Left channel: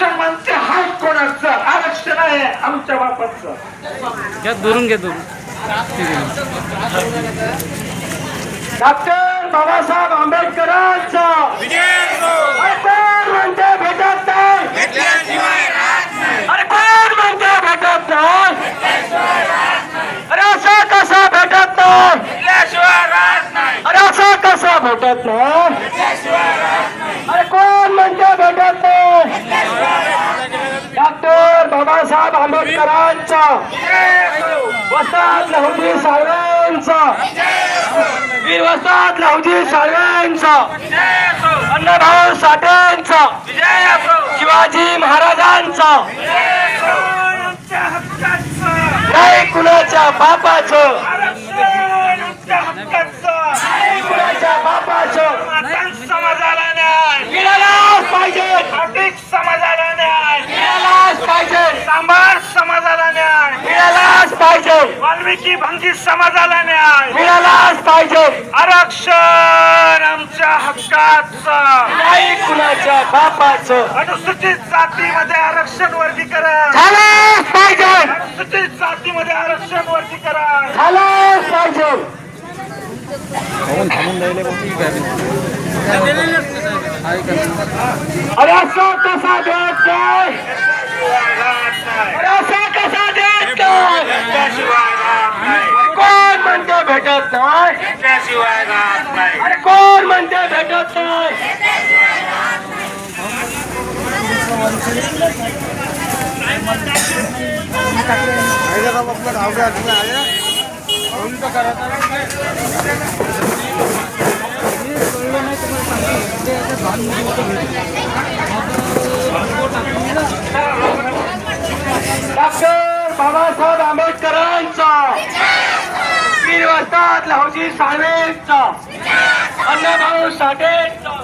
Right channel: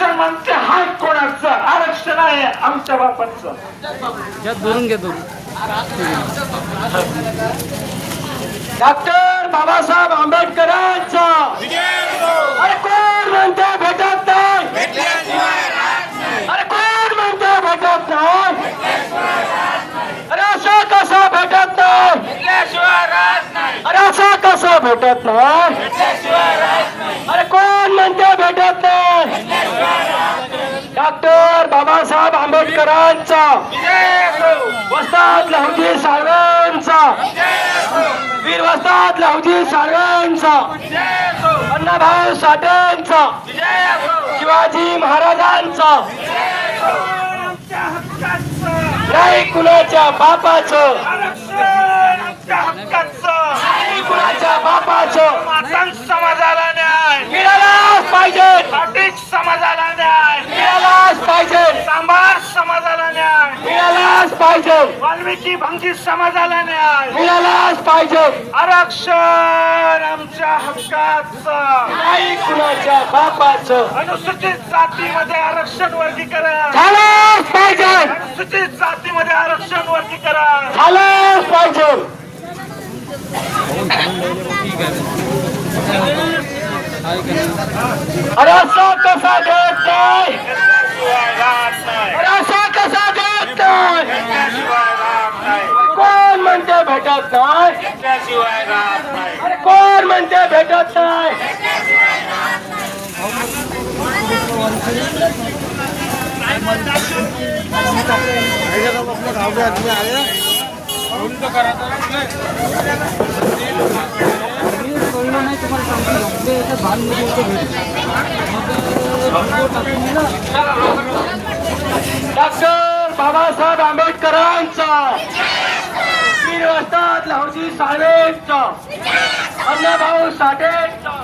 आरक्षण म्हणते हाय कोणाचं आरक्षण आहे आमच्या बापाचं. दुरून घे दुरून. डॉक्टर बाबासाहेब आंबेडकरांचं अरे कोण म्हणते भेटत नाही, अरे कोण म्हणते भेटत नाही, अरे असं कसं भेटत नाही, अरे असं कसं भेटत नाही, अरे कोण म्हणते भेटत नाही. डॉक्टर बाबासाहेब आंबेडकरांचा, वस्ताद लहुजी साळवेंचा, वीर वस्ताद लहुजी साळवेंचा, अण्णाभाऊ साठेंचा, शिवाजी महाराजांचा, नाही कुणाच्या बापाचं, कुणाच्या बापाचं. समाजाला न्याय मिळालाच पाहिजे, खाटीक समाजाला न्याय मिळालाच पाहिजे, सांबार समाजाला न्याय मिळालाच पाहिजे, वाल्मिकी भांगी समाजाला न्याय मिळालाच पाहिजे. आरक्षण आमच्या हक्काचं, नाही कुणाच्या बापाचं. अनुसूचित जातीमध्ये आरक्षण वर्गीकरण झालंच पाहिजे, अनुसूचित जातीमध्ये आरक्षण वर्गीकरण झालंच पाहिजे. ठीक आहे. अरे असा कसा देत नाही, अरे असा कसा देत नाही, कोण म्हणते भेटत नाही, अरे कोण म्हणते भेटत नाही. डॉक्टर बाबासाहेब आंबेडकरांचा, वीर वस्ताद लहुजी साळवेंचा, अण्णाभाऊ साठेंचा,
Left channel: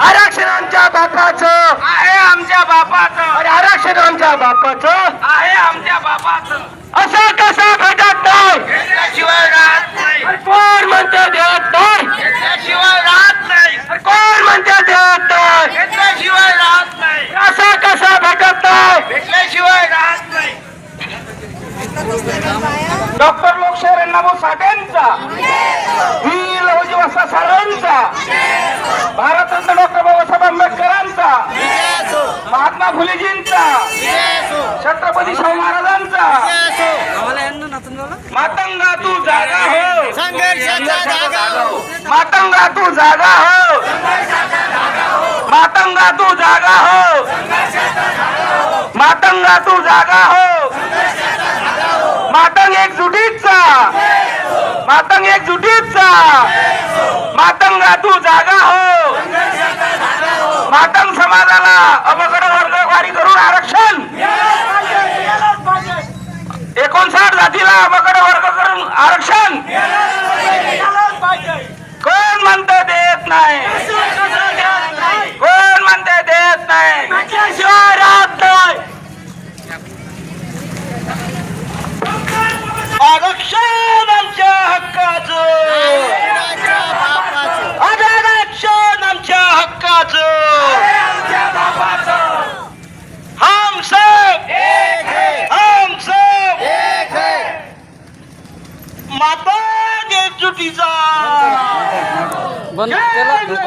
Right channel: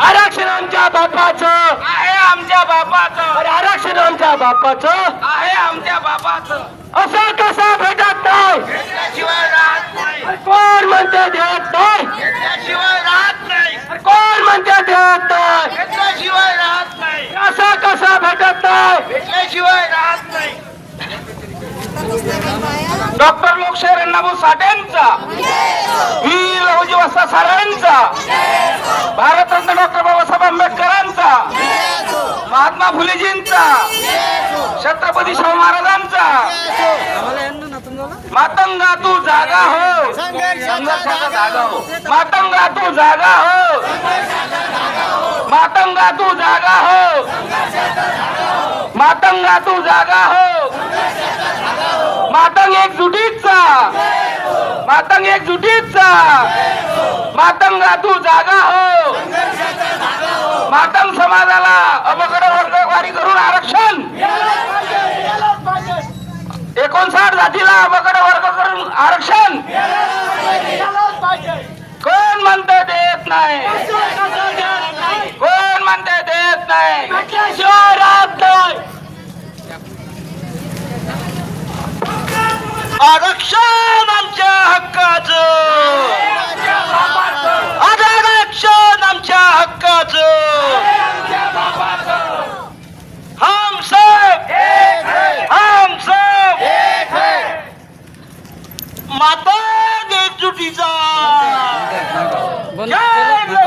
आरक्षण आमच्या बापाचं आहे, आमच्या बापाचं. अरे आरक्षण आमच्या बापाचं आहे, आमच्या बापाचं. असं कसं भेटत नाही, घेतल्याशिवाय राहत नाही. अरे कोण म्हणते देत नाही, घेतल्याशिवाय राहत नाही. अरे कोण म्हणते देत नाही, घेतल्याशिवाय राहत नाही. असं कसं भेटत नाही, घेतल्याशिवाय राहत नाही. डॉक्टर लोकशाहीर अण्णाभाऊ साठेंचा, वीर लहुजी वस्ताद साळवेंचा, भारतरत्न डॉक्टर बाबासाहेब आंबेडकरांचा, महात्मा फुलेजींचा, छत्रपती शाहू महाराजांचा. मातंगा तू जागा हो, मातंगा तू जागा हो, मातंगा तू जागा हो, मातंगा तू जागा हो. मातंग एकजुटीचा, मातंग एकजुटीचा, मातंगा तू जागा हो. मातंग समाजाला अवघड वर्गवारी करून आरक्षण, 59 जातीला अवघड वर्ग करून आरक्षण कोण म्हणते देत नाही, कोण म्हणते देत नाही, शिवाय राहत नाही. आरक्षण आमच्या हक्काचं, आरक्षण आमच्या हक्काचं. हम सब, हम सब माता एकजुटीचा. बंद केलं.